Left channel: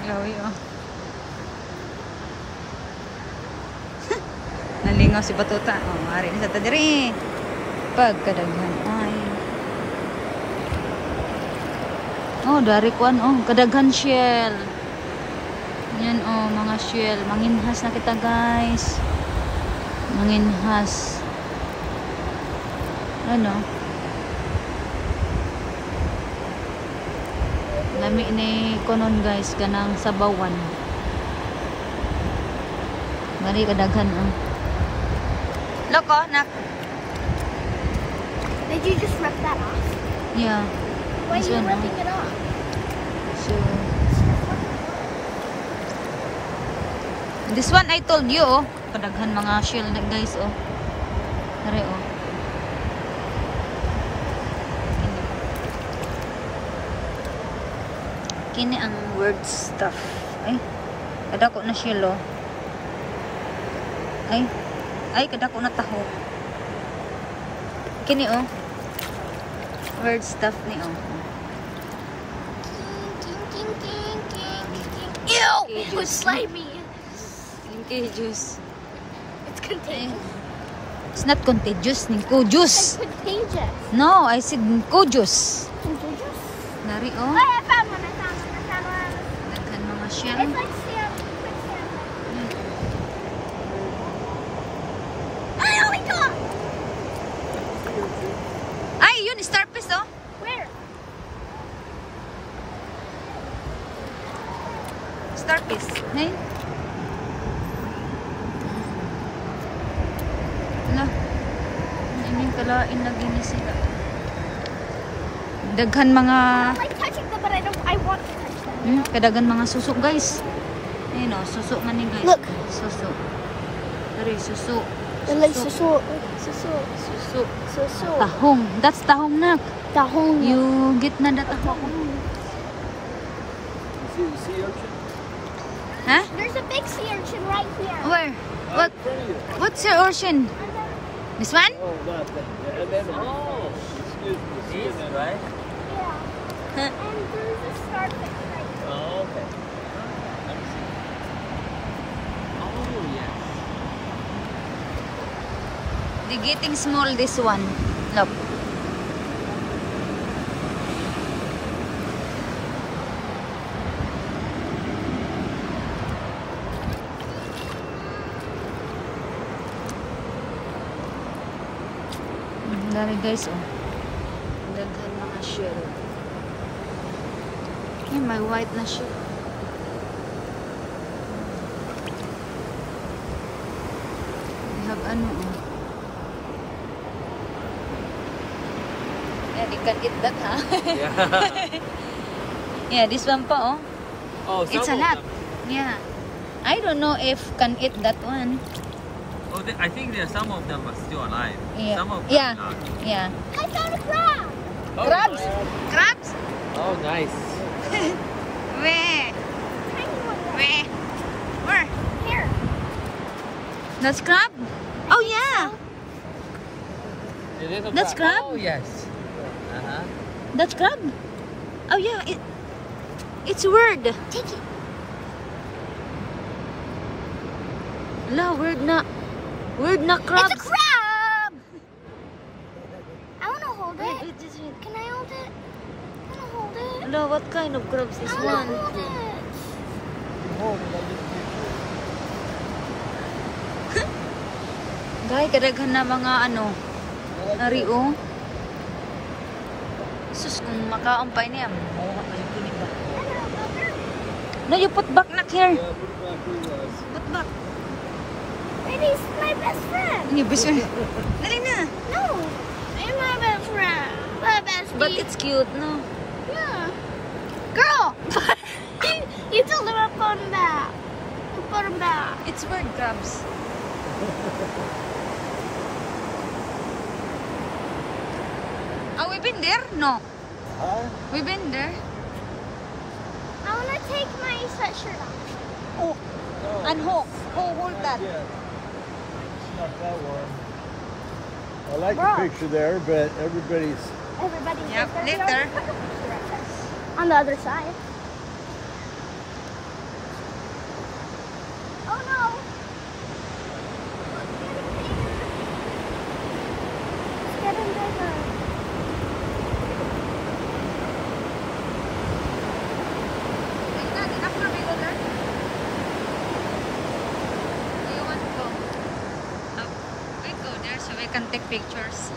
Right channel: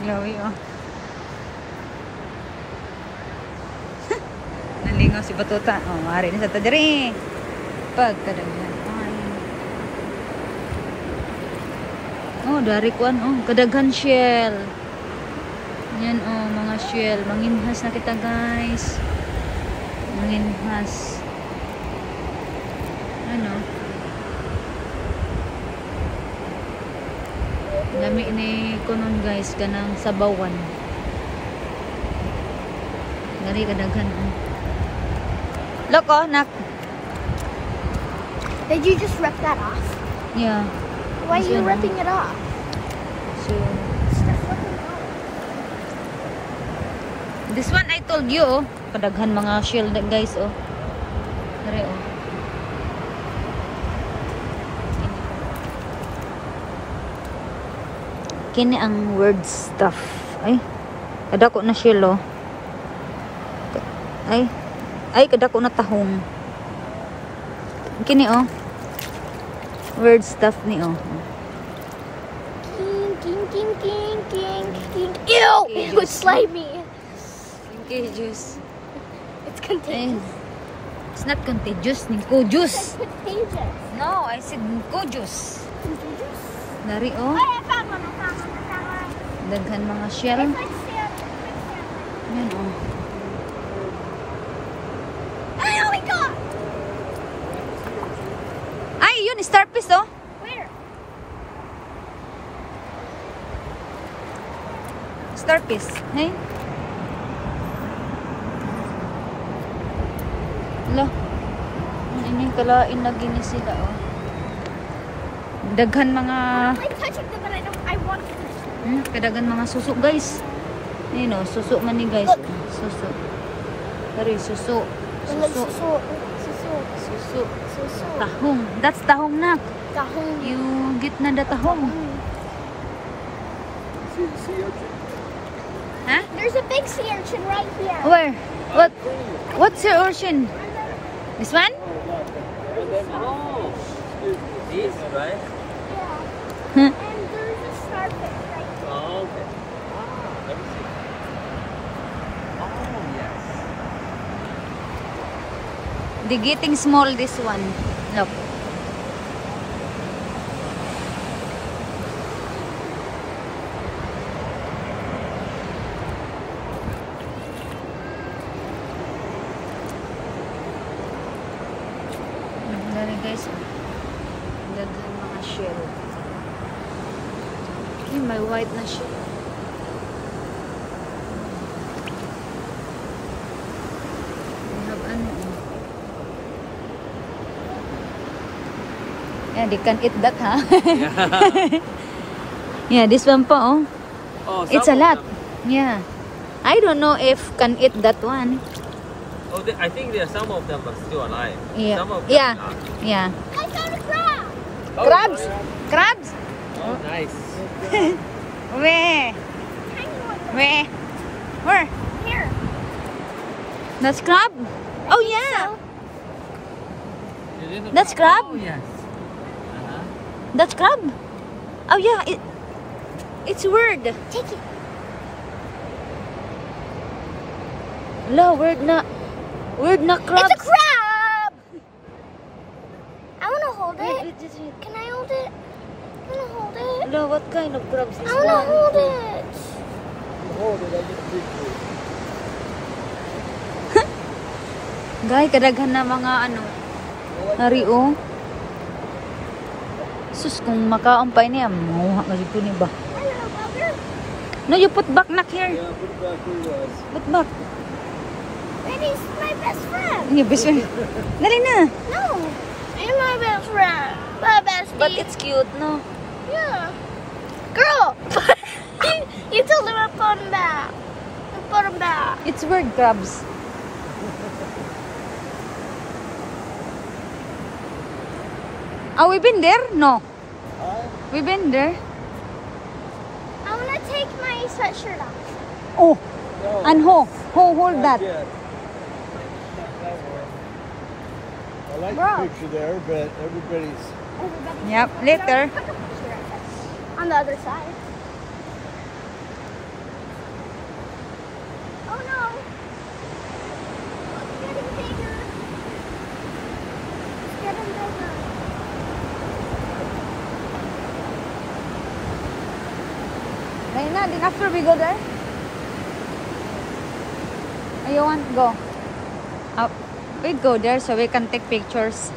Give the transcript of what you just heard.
Lawi, oh. Nalingaw si Batuta. Oh, mari na sa tadiri. Pagkadaghan. Ay. Oh, dari kuan, oh. Kadaghan shell. Yan, oh, mga shell. Manginhas na kita, guys. Manginhas. Ano? Lami ni konon, guys, kanang sabawan. Gari kadaghan, oh. Loko, nak. Did you just rip that off? Yeah. Why are This you one, ripping it off? So, this one I told you, oh. Kadaghan mga shell, guys, oh. Kare, oh. Kini ang word stuff. Ay, kadako na shell, oh. Ay, kadako na tahong. Kini, oh. Word stuff ni, oh. Ew! Okay, It was slimy. Okay, juice. It's contagious. It's not contagious, Ninko juice. It's contagious. No, I said Ninko juice. Contagious? Dari, oh. I found one. I found one. Daghan mga shell. It's like sand. Yan, oh. Oh my god! Ay, yun, starfish, oh. Where? Starfish. Hey. Ala. Ining kalain na gini sila, oh. Daghan mga I like touching them, but I want to touch them. kadaghan mga susuk, guys. Ayun, oh, susuk man ni, guys. Look. Susuk. Dari, susuk. Like Susuk. Susuk. susu. Tahong. That's tahong, nak. Tahong. You get na the tahong. See the sea urchin? Huh? There's a big sea urchin right here. Where? What? What's your ocean? This one? Oh, that thing. And then, oh, excuse me. This, right? Yeah. And there's a starfish right here. Oh, okay. Let me see. Oh, yes. They're getting small, this one. Look. Dari, guys, oh. Daghan mga shell. Hey, may white na shell. We have ano, oh. Yeah, they can eat that, huh? Yeah, this one pa, oh. Oh, It's a some of lot. them- Yeah. I don't know if can eat that one. Oh, I think there some of them are still alive. Yeah. Some of them Yeah. not. Yeah. I found a crab. Oh, Crabs? Crabs? Oh, nice. Where? Tiny one. though. Where? Where? Here. That's crab? Oh yeah. It is a That's crab? Oh, yes. Uh-huh. That's crab. Oh yeah. It's weird. Take it. La, weird na crabs. It's a crab. I want to hold it. Wait, just wait. Can I hold it? Can I hold it? La, what kind of crabs is I want one? to hold it. You hold it, I get a picture. Dahil kadaghan na mga ano, hario. Sus, kung makaampay niya, mamuha ka dito ni ba? No, you put back na here. Yeah, put it back where it was. Put back. And he's my best friend. Hindi, best friend. Dali na. No. He's my best friend. My best But friend. it's cute, no? Yeah. Girl. You told him to put him back. Put him back. It's weird crabs. Oh, we been there? No. We been there? I want to take my sweatshirt off. Oh. And who hold that? Yeah. I like Bro. the picture there, but everybody's... Everybody. Yep, later. On the other side. Yeah, then after we go there. You want to go? We'd go there so we can take pictures.